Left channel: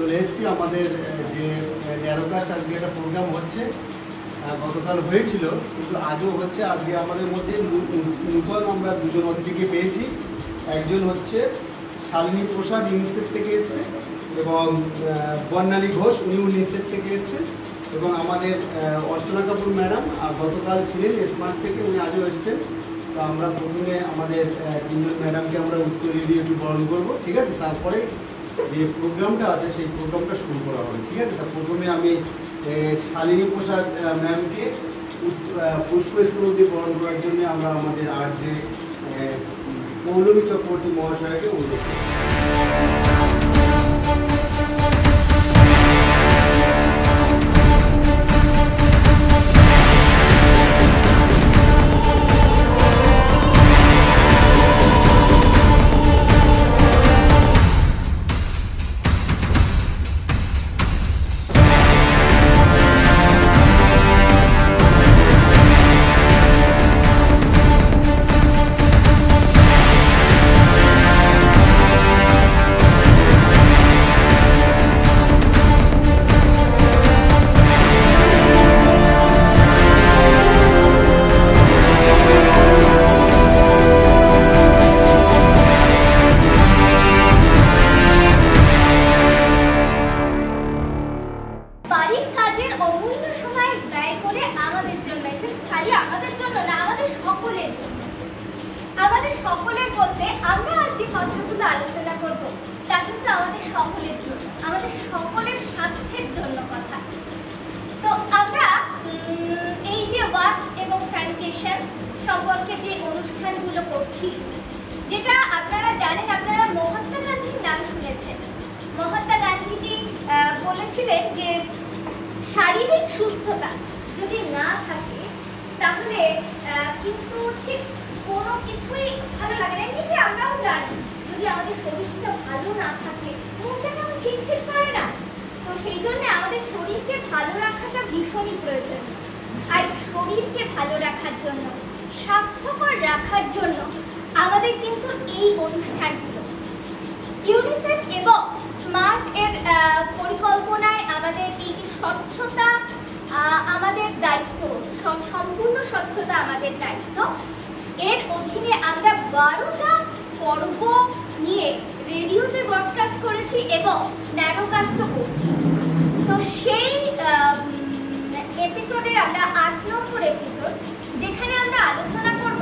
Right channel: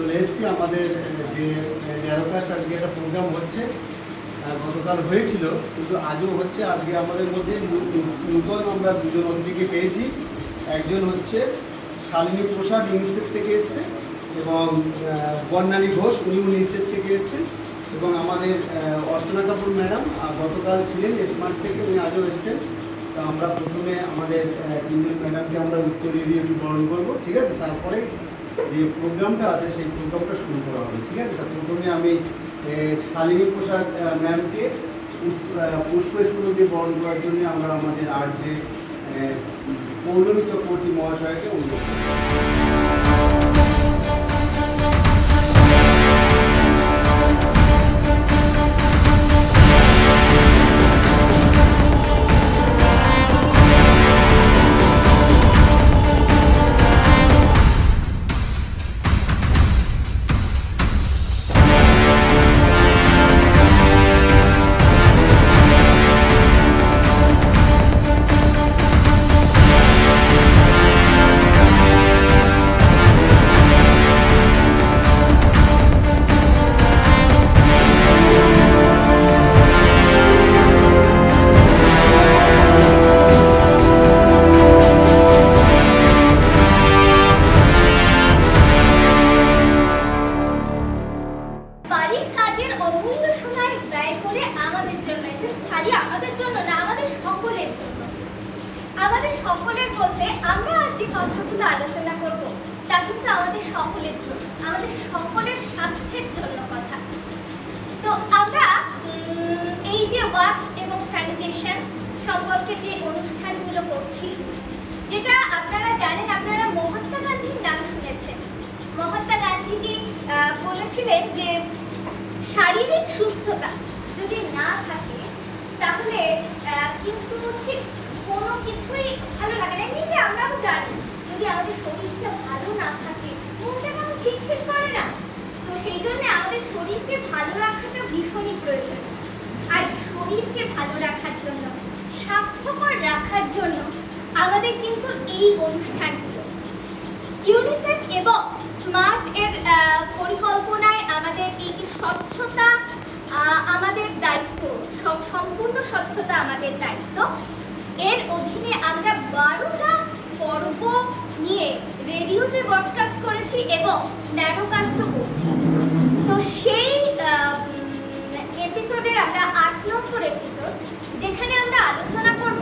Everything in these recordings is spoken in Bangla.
চলে এসেছি আমাদের যে ন্যারোকাস্ট আজকে একটা প্রোগ্রাম হচ্ছে, গতকাল হয়েছিল কিন্তু আজও হচ্ছে। আজকে আমাদের মধ্যে নূতন আমরা দুজন অতিথিকে পেয়েছি। একজন হচ্ছে শালিনী প্রসাদ ইউনিসেফ থেকে এসছে এবং বর্ণালী ঘোষ উনি ইউনিসেফ থেকে এসছেন, এবং আমাদের অর্চনা কাপুর ম্যাডাম গতকাল ছিলেন স্মার্ট থেকে, উনি আজও এসছেন। তো আমরা প্রথমে আমাদের তিনজন ম্যাডামকে আমরা উত্তরীয় দিয়ে একটু বরণ করবো, ঠিক আছে? তারপরে যে প্রোগ্রামটা আছে সেই প্রোগ্রামটা শুরু করা হবে, ঠিক আছে? তা প্রথমে আমি শালিনী প্রসাদ ম্যামকে পুষ্পস্তবক দিয়ে বরণ করার জন্য আমরা আমাদের আর যে পৌলমী চক্রবর্তী মহাশয়কে অনুরোধ করি। সকলের বলতে আমরা আজ যে কথাগুলো আলোচনা করব তা কিন্তু আমাদের সকলের জন্য, আমাদের সকলের স্বাস্থ্যের জন্য কথা। তো আমরা এই যে ওয়াশ এবং স্যানিটেশন সম্পর্কে যে অনুষ্ঠানগুলো করছি, যেটা আপনারা জানেন, আপনারা মহাত্মা গান্ধীর নাম শুনেছেন। মহাত্মা গান্ধীজি বলেছিলেন যে শারীরিক সুস্থতা যদি না থাকে তাহলে কিন্তু ঠিক কোনো কিছুই ভালো লাগে না। এমনিতে আমরাও জানি যদি আমাদের শরীরটা ভালো না থাকে মনটা কেমন খিটখিট করে না। তো সেই জন্য আমাদের শরীরকে ভালো রাখাটা ভীষণই প্রয়োজন। আর শরীরকে ভালো রাখার জন্য, স্বাস্থ্যকর রাখার জন্য আমাদের কিন্তু এই অনুষ্ঠানগুলো ইউনিসেফ এবং স্মার্ট এর পরিকল্পনায় আমাদের এই যে স্বচ্ছতা আমাদের দায়িত্ব, সম্পূর্ণ স্বচ্ছতা আমাদের দায়িত্ব, এর অধীনে আমরা 12টা পর্ব নিয়ে রেডিওতে ব্রডকাস্ট করেছি এবং ন্যানোকাস্টও করছি। তো সেই এপিসোডের আমরা 8 নম্বর এপিসোড, যেখানে আমরা আলোচনা করব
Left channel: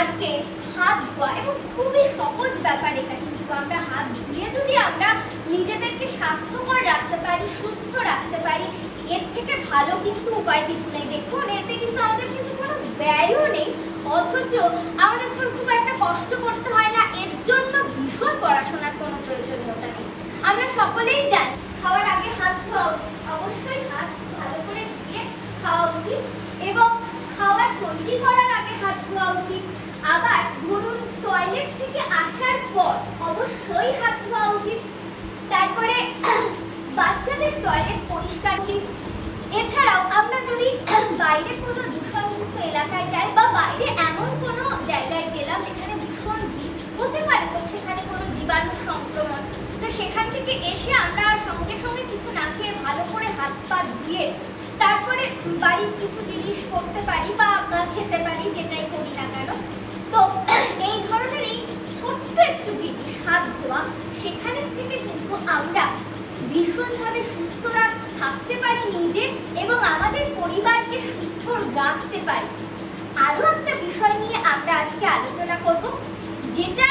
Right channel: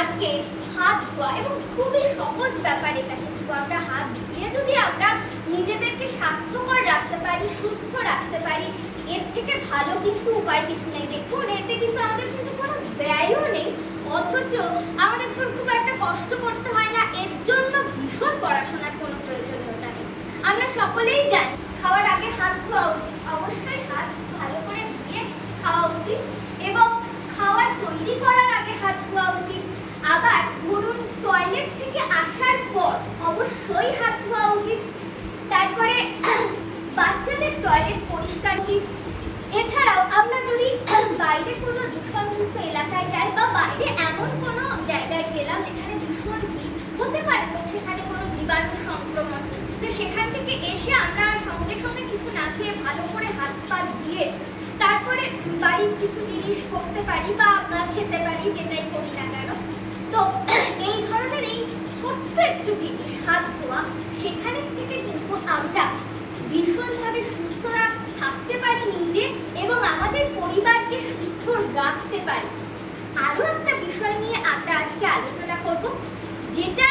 আজকে হাত ধোয়া, এবং খুবই সহজ ব্যাপার এটা। কিন্তু আমরা হাত ধুয়ে যদি আমরা নিজেদেরকে স্বাস্থ্যকর রাখতে পারি, সুস্থ রাখতে পারি, এর থেকে ভালো কিন্তু উপায় কিছু নেই। দেখুন, এতে কিন্তু আমাদের কিন্তু কোনো ব্যয়ও নেই, অথচ আমাদের খুব একটা কষ্ট করতে হয় না। এর জন্য ভীষণ পড়াশোনার কোনো প্রয়োজনীয়তা নেই। আমরা সকলেই জানি খাওয়ার আগে হাত ধোয়া উচিত, অবশ্যই হাত ভালো করে ধুয়ে খাওয়া উচিত, এবং খাওয়ার তৈরি করার আগে হাত ধোয়া উচিত। আবার ধরুন টয়লেট থেকে আসার পর অবশ্যই হাত ধোয়া উচিত। তারপরে বাচ্চাদের টয়লেট পরিষ্কার উচিত। এছাড়াও আমরা যদি বাইরে কোনো দূষণযুক্ত এলাকায় যাই বা বাইরে এমন কোনো জায়গায় গেলাম যেখানে ভীষণ ভিড় হতে পারে, তো সেখানে কোনো জীবাণু সংক্রমণ, তো সেখান থেকে এসে আমরা সঙ্গে সঙ্গে কিছু না খেয়ে ভালো করে হাত পা ধুয়ে তারপরে বাড়ির কিছু জিনিস করতে পারি বা খেতে পারি, যেটাই করি না কেন। তো এই ধরনের এই ছোট্ট একটু জিনিস হাত ধোয়া, সেখানের থেকে কিন্তু আমরা ভীষণভাবে সুস্থ থাকতে পারি নিজে, এবং আমাদের পরিবারকে সুস্থ রাখতে পারি। আরো একটা বিষয় নিয়ে আমরা আজকে আলোচনা করব, যেটা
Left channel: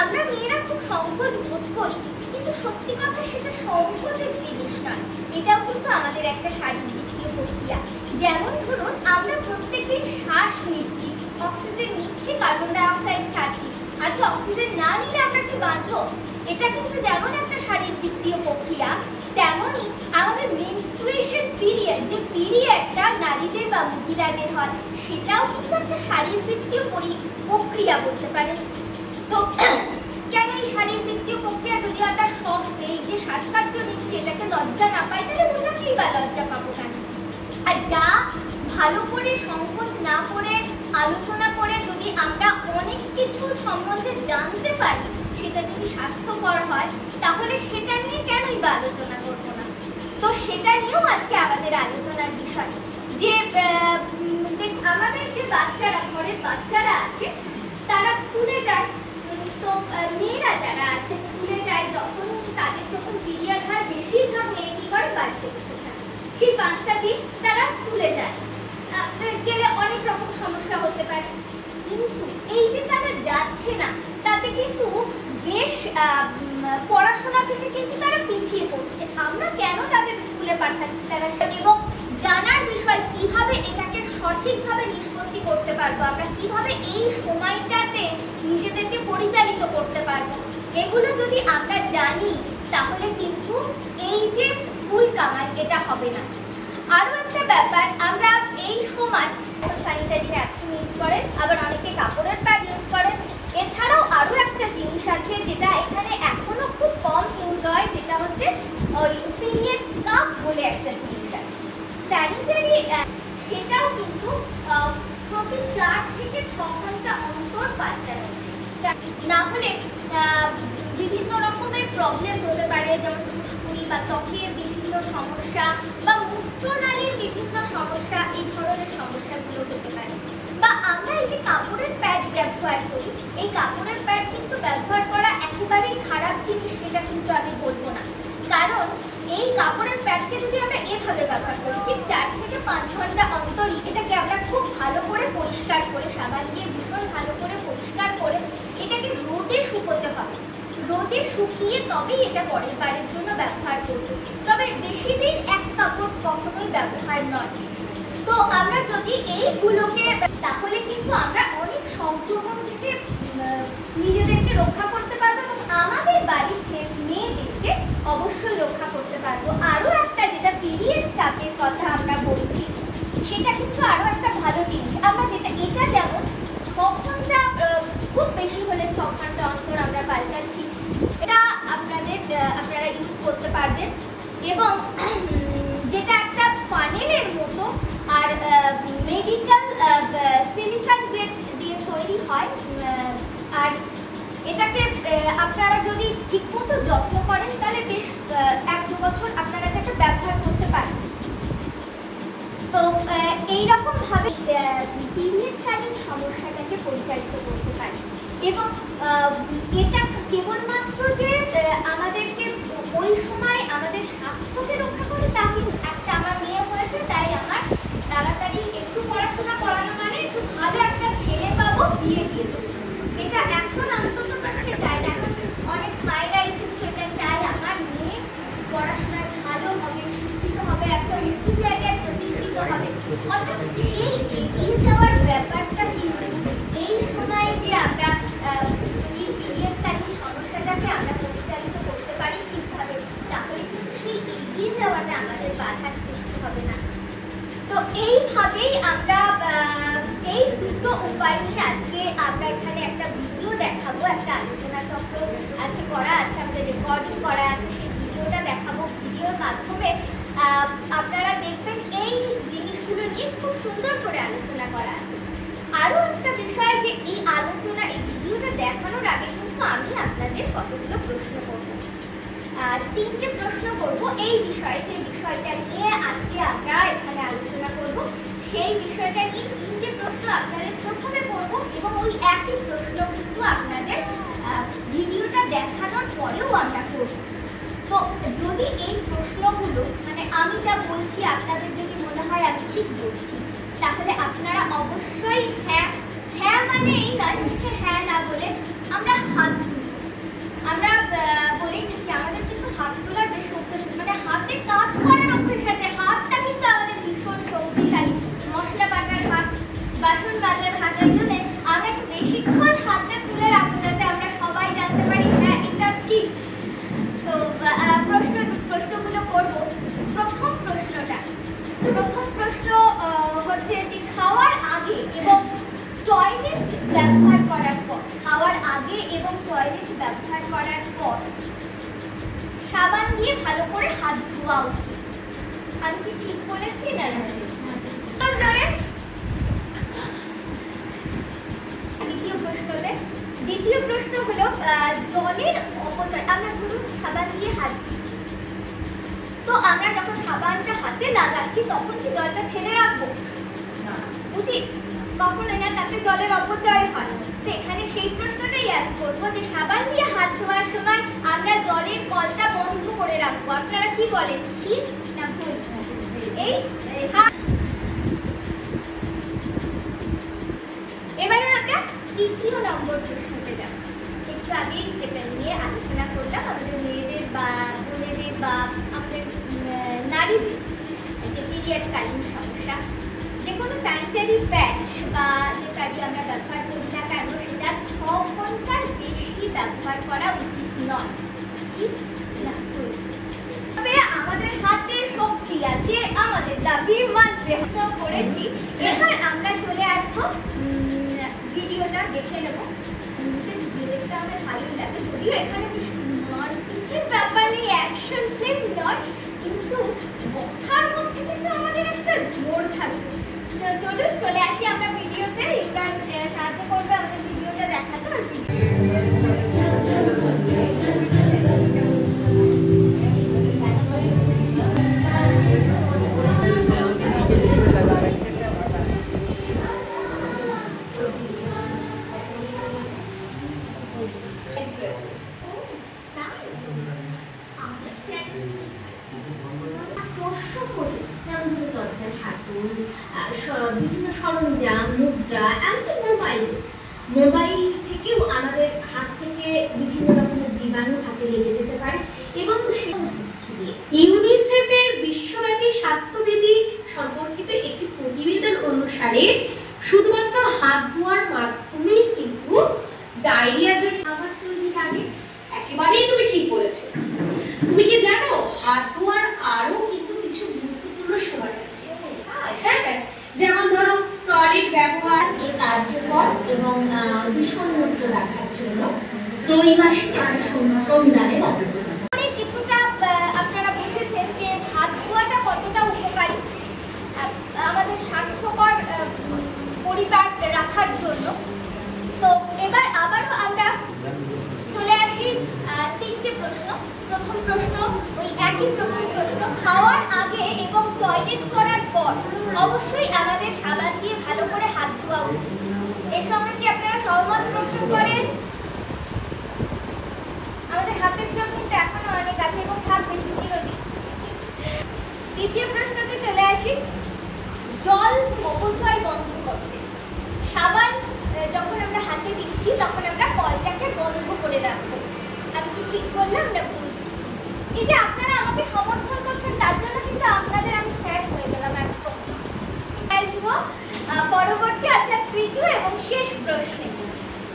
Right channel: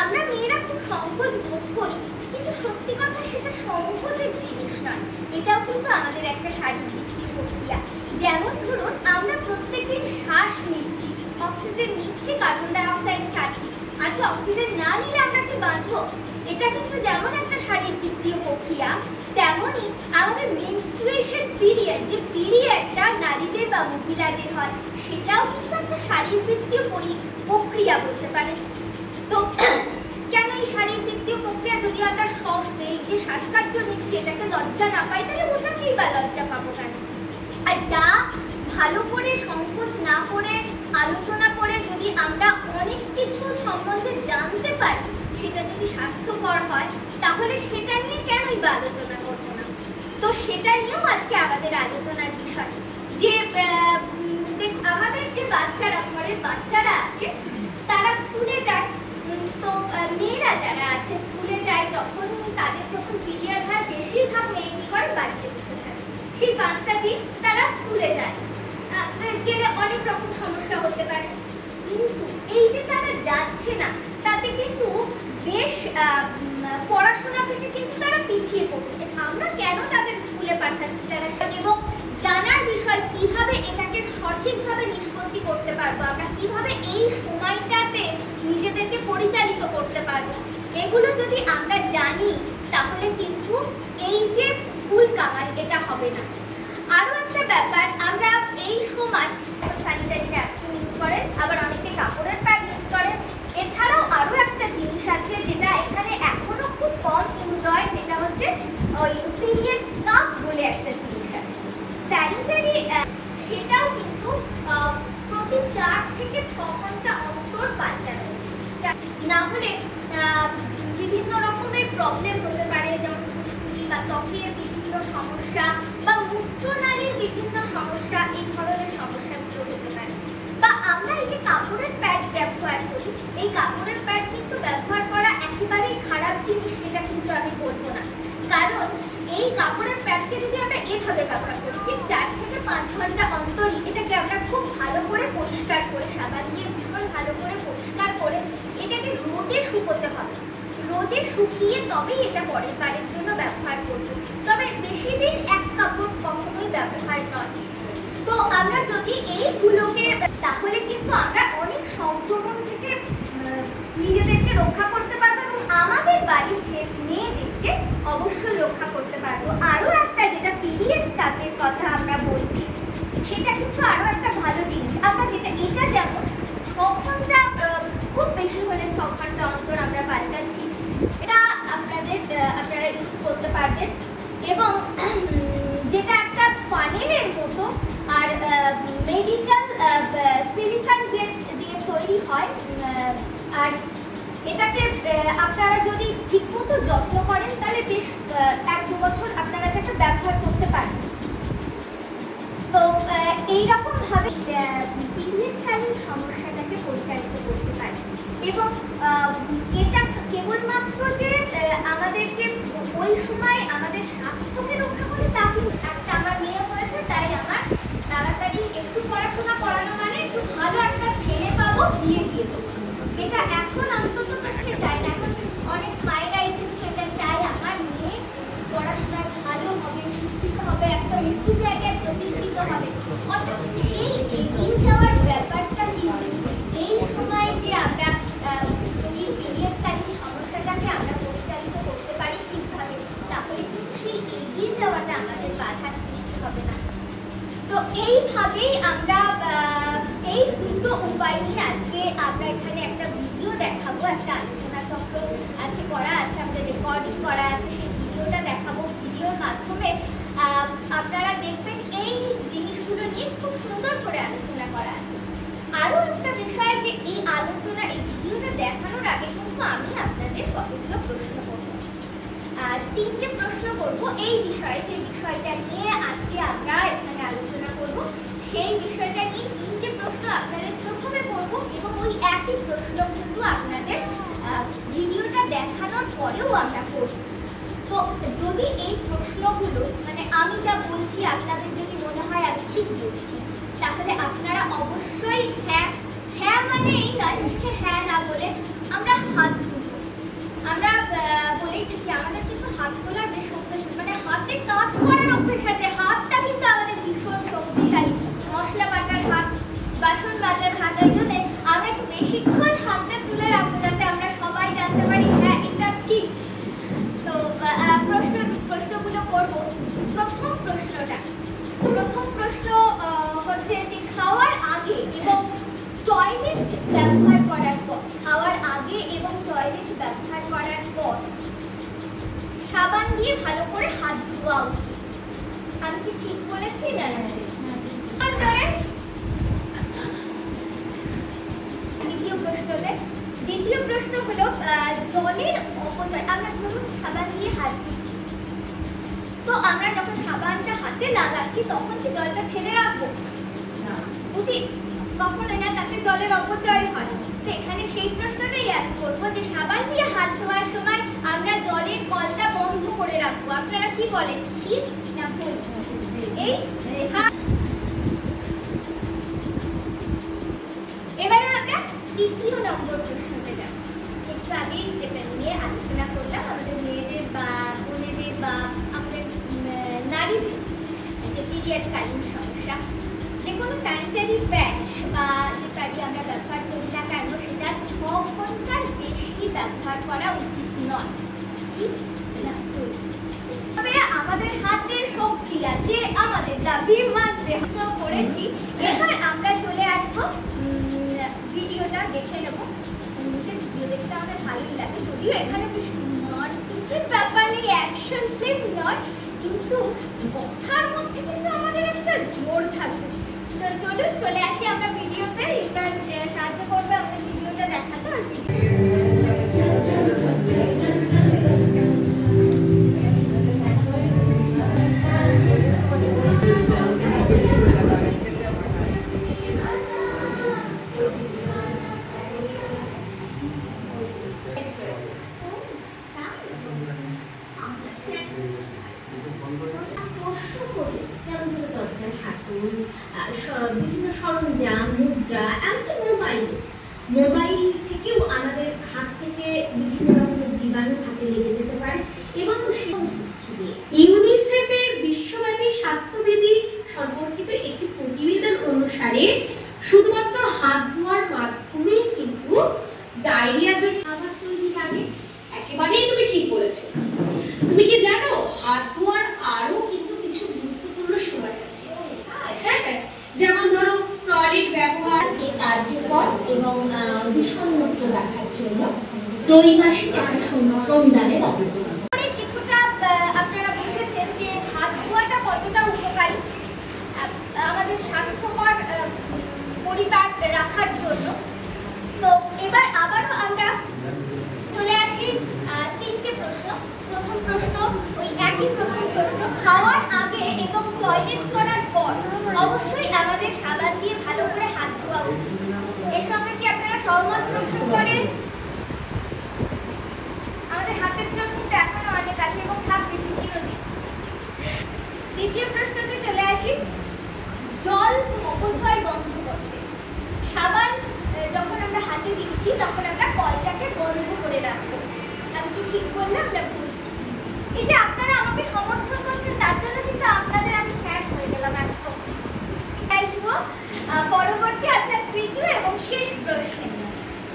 আমরা মেয়েরা খুব সংকোচ বোধ করি, কিন্তু সত্যি কথা সেটা সংকোচের জিনিস নয়। এটাও কিন্তু আমাদের একটা শারীরিক প্রক্রিয়া। যেমন ধরুন, আমরা প্রত্যেকেই শ্বাস নিচ্ছি, অক্সিজেন নিচ্ছি, কার্বন ডাই অক্সাইড ছাড়ছি। আচ্ছা, অক্সিজেন না নিলে আমরা কি বাঁচবো? এটা কিন্তু যেমন একটা শারীরবৃত্তীয় প্রক্রিয়া, তেমনই আমাদের মেনস্ট্রুয়েশন পিরিয়ড, যে পিরিয়ডটা নারীদের বা মহিলাদের হয়, সেটাও কিন্তু একটা শারীরবৃত্তীয় প্রক্রিয়া বলতে পারেন। তো কেন এই শারীরবৃত্তীয় প্রক্রিয়া? যদি আমরা এই যে শ্বাসকার্য নিচ্ছি এটাকে লজ্জা না পাই, তাহলে ওটাকেই বা লজ্জা পাবো কেন? আর যা ভালো করে সংকোচ না করে আলোচনা করে যদি আমরা অনেক কিছু সম্বন্ধে জানতে পারি, সেটা যদি স্বাস্থ্যকর হয়, তাহলে সেটা নিয়ে কেনই বা আলোচনা করব না। তো সেটা নিয়েও আজকে আমাদের আলোচনার বিষয় যে আমাদের যে বাচ্চারা, ঘরের বাচ্চারা আছে, তারা স্কুলে যায়। তো মেয়েরা যারা আছে স্কুলে যায়, যখন তাদের যখন পিরিয়ড হয়, বেশিরভাগ মেয়ে কি করে, বাড়িতে বসে থাকে। সেই 5টা দিন তারা স্কুলে যায়, গেলে অনেক রকম সমস্যা হতে পারে। কিন্তু এই যে তারা যাচ্ছে না, তাতে কিন্তু বেশ পড়াশোনা থেকে কিন্তু তারা পিছিয়ে পড়ছে। আমরা কেন তাদের স্কুলে পাঠাচ্ছি, তারা এবং জানার বিষয় কিভাবে এটাকে সঠিকভাবে নিষ্পত্তি করতে পারবো, আমরা কিভাবে এই সময়টাতে নিজেদেরকে পরিচালিত করতে পারবো, এগুলো যদি আমরা জানি তাহলে কিন্তু এই যে স্কুল কামাই এটা হবে না। আরো একটা ব্যাপার, আমরা এই সময় স্যানিটারি ন্যাপকিন ইউজ করেন, আবার অনেকে কাপড়ের প্যাড ইউজ করেন। এছাড়াও আরো একটা জিনিস আছে যেটা এখানে এখনো খুব কম ইউজ হয়, যেটা হচ্ছে ওই পিরিয়ড কাপ বলে একটা জিনিস আছে, স্যানিটারি। সেটাও কিন্তু প্রতি 4 থেকে 6 ঘন্টা অন্তর পাল্টানো উচিত, না হলে বিভিন্ন রকমের প্রবলেম হতে পারে, যেমন ফুসকুড়ি বা ত্বকের বিভিন্ন সমস্যা বা মূত্রনালীর বিভিন্ন সমস্যা, এই ধরনের সমস্যাগুলো হতে পারে। বা আমরা এই যে কাপড়ের প্যাড ব্যবহার করি, এই কাপড়ের প্যাড কিন্তু ব্যবহার করা একেবারেই খারাপ জিনিস, এটা কিন্তু আমি বলবো না। কারণ এই কাপড়ের প্যাডকে যদি আমরা এভাবে ব্যবহার করি, ঠিক 4 থেকে 5 ঘন্টা অন্তরই এটাকে আমরা খুব ভালো করে পরিষ্কার করে, সাবান দিয়ে ভীষণ ভালো করে পরিষ্কার করে এটাকে রোদে শুকোতে হবে। রোদে শুকিয়ে তবেই এটা পরের বারের জন্য ব্যবহার করব। তবে বেশি দিন এক কাপড় কখনোই ব্যবহার নয়। তো আমরা যদি এইগুলোকে, তাহলে কিন্তু আমরা অনেক সংক্রমণ থেকে নিজেদেরকে রক্ষা করতে পারবো এবং আমাদের বাড়ির যে মেয়েদেরকে অবশ্যই রক্ষা করতে পারবো। আরো একটা যেটা পিরিয়ড কাপের কথা আমরা বলছি, সেটা কিন্তু আরো একটা ভালো জিনিস। আমরা যেটা, এটা যেমন 6 ঘন্টা, খুব বেশি হলে 6 ঘন্টা অন্তর আমরা পাল্টাচ্ছি, এটা আপনারা ইউজ করতে পারবেন। এবং যেটা একটা ফানেলের মতো, আর মেডিকেল সিলিকন গ্রেড দিয়ে তৈরি হয়, আর এটাকে আপনারা যদি ঠিকমতো যত্ন করেন তাহলে বেশ 1-2 বছর আপনারা এটাকে ব্যবহার করতে পারেন। তো এইরকম ভাবে পিরিয়ডকালীন সমস্যাটাকে পরিচালিত করতে পারে। এবং এটা কেবলমাত্র যে আমাদেরকে ওই সময় আমাদের স্বাস্থ্যকে রক্ষা করে তা কিন্তু একটা, আমার মেয়ে হয়েছে তাই আমার তাড়াতাড়ি একটু পড়াশোনা করানো মানে একটু ভালো একটা ছেলে পাবো, বিয়ে দিয়ে দেবো, এটা এখন অন্তত পক্ষে চায় না। এখন অনেক মায়েরাই কিন্তু এটা চায়, আমার মেয়ে পড়াশোনায় ভালো হবে, শিক্ষিত হবে, একটা উঁচু জায়গায় প্রতিষ্ঠিত হবে। অর্থাৎ সেই এগিয়ে যাওয়ার ব্যাপারটা কিন্তু এই সময় যে আমরা যদি পিরিয়ডকালীন সমস্যাটাকে আমরা পরিচালিত করতে পারি ঠিকভাবে, তাহলে কিন্তু সেই এগিয়ে যাওয়াটা আমাদের বাধার সৃষ্টি হবে না। তো এইভাবেই আমরা এই দুটো উপায় নিয়ে আজকে আমরা এখানে একটা ভিডিও দেখাবো, একটা আলোচনা চক্র আছে করা আছে, আমাদের রেকর্ডিং করা আছে, সেই ভিডিওটা দেখাবো। ভিডিওর মাধ্যমে আপনারা দেখবেন এই জিনিসগুলো নিয়ে খুব সুন্দর করে আলোচনা করা আছে। আরো একটা বিষয় যে এই আলোচনা, এই ভিডিওটা দেখানোর আগে কিন্তু আমি আপনাদের কতগুলো প্রশ্ন করব, 3টে প্রশ্ন করব এই বিষয়ে, যে বিষয়টা নিয়ে আজকে আমরা এখানে আলোচনা করব, সেই বিষয়টা নিয়ে 3টে প্রশ্ন আপনাদের প্রথমে করব এবং ওই একই প্রশ্ন কিন্তু আপনাদের ভিডিওটা দেখানোর পরেও আমরা করব। তো যদি এই প্রশ্নগুলো, মানে আমি যা বলছি আপনাদের যদি মনে হয় আমি ঠিক বলছি, তাহলে আপনারা অবশ্যই হ্যাঁ মানে এই নয়, মুখে হ্যাঁ না বলে আমরা হাত তুলব। আমরা বলেই থাকি আমাদের কিন্তু হাত তোলার বেশ অভ্যেস, মানে হাতে কাজ করার অভ্যেস আছে। হাতটা কিন্তু আমাদের ভীষণ শক্তিশালী, মশলা বাটার হাত, বাসন মাজার হাত, ওই জন্য আমরা একটু বেশিক্ষণ হাতে তুলে রাখবো যাতে আমরা সবাই জানতে পারি হ্যাঁ এটা ঠিক। তো প্রশ্নগুলো করব। প্রথম প্রশ্ন হচ্ছে যে খাওয়ার আগে এবং টয়লেট ব্যবহার করার পর, খাওয়ার আগে এবং টয়লেট ব্যবহার করার পর সাবান দিয়ে ভালো করে হাত ধোয়া উচিত। আমি কি ঠিক বলেছি না? দ্বিতীয় প্রশ্ন হলো জলের অপচয়। আমরা ধরুন সাবান দিয়ে হাত ধুচ্ছি, তো আমরা যখন সাবানটা হাতে লাগাচ্ছি তখন কি জলটা ছেড়ে রাখবো? উচিত কখনো না, তাতে জলের অপচয় হয়। তো এখানে সেই প্রশ্নটাই আমি করবো যে সাবান দিয়ে হাত ধোয়ার সময় আমরা জলের কলটা বন্ধ করে রাখবো। আপনারা কি বলেন, ঠিক না ভুল? এই এবারে আমরা তৃতীয় নম্বর প্রশ্নতে যাব। একটু আগেই যেটা নিয়ে আলোচনা করলাম, আমাদের মেয়েদের বা বোনেদের বা আমাদের নারীদের যে পিরিয়ডকালীন সমস্যা, যে কোনো স্যানিটারি প্যাড বা যে প্যাডই আমরা ব্যবহার করি না কেন সেটা 6 ঘন্টার বেশি ব্যবহার করা উচিত নয়, ঠিক না ভুল? তবে আমাদের হাতে শক্তি আছে, আমাদের দাবি মানতে করেছি। এবার আমরা চলে আসবো ভিডিওটা দেখে নেবো। ভিডিও দেখতে আমাদের ভালোই লাগে, যদিও এখানে কিছু মারপিটের ব্যাপার নেই, অ্যাকশন ফিল্ম নয়, কিন্তু কথার মধ্যে কিন্তু আমাদের একটা জোর থাকবে। তো চলুন চলে আসি আমরা ভিডিওতে। এবার সাহায্য করবে আমাদের ভিডিওটা দেখাতে। আর বিভিন্ন সরঞ্জাম, মুদ্রা, এমনকি মোবাইল থেকেও আমাদের হাত থেকে বিভিন্ন রকমের জীবাণু হাতে লেগে যেতে পারে এবং ইউনিসেফের বিশ্বব্যাপী স্বাস্থ্যবিধি সম্পর্কিত একটি প্রতিবেদন অনুসারে শুধুমাত্র হাত ধোয়ার মাধ্যমেই কিন্তু ডায়রিয়া জনিত খাবার তৈরির আগে একেবারেই তুমি ঠিক বলেছো। তুমি কি জানো হাত ধোয়ার আরো কিন্তু কিছু গুরুত্বপূর্ণ সময় আছে? হ্যাঁ, যেমন ধরো টয়লেট ব্যবহারকে কার্যকর এবং দূষণমুক্ত রাখার জন্য ত্রৈমাসিক একটা শ্রমদানের অনেক কিছুটা আপনারা বুঝেছেন যে হাত ধোয়াটা কতটা উপকারী আমাদের স্বাস্থ্যকর পরিবার রাখার জন্য। তো এবার আবারও আমরা চলে আসি 3টে প্রশ্ন। প্রথম প্রশ্ন ওই একই প্রশ্ন, খাওয়ার আগে এবং টয়লেট করার পর অবশ্যই আমাদের সাবান দিয়ে ভালো করে হাত ধোয়া উচিত। এর সঙ্গে কি আপনারা সহমত পোষণ করেন? আমাদের হাতের জন্য কিন্তু এখনো অনেক আছে এবং থাক বেশি চিরদিন। দ্বিতীয় প্রশ্নতে চলে আসি, জল অপচয় বন্ধ করতে সাবান যখন আমরা হাতে দিচ্ছি তখন আমরা কলটাকে বন্ধ করে রাখবো। আমি কি ঠিক বললাম না ভুল? এই যে আপনারা আমাকে সমর্থন করছেন তার জন্য কিন্তু আপনাদের আমি ফ্যান হয়ে গেলাম একদম। আসবো পরবর্তী অর্থাৎ তৃতীয় এবং শেষ প্রশ্ন।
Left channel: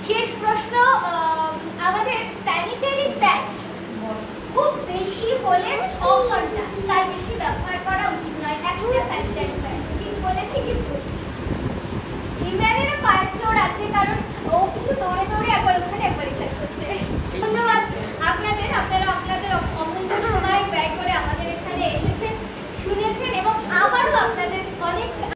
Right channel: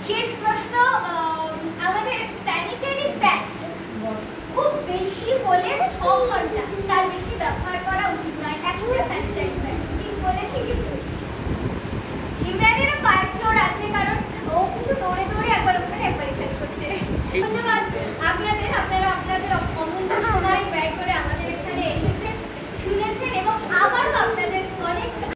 শেষ প্রশ্ন, আমাদের স্যানিটারি প্যাড খুব বেশি হলে 6 ঘন্টা, তার বেশি ব্যবহার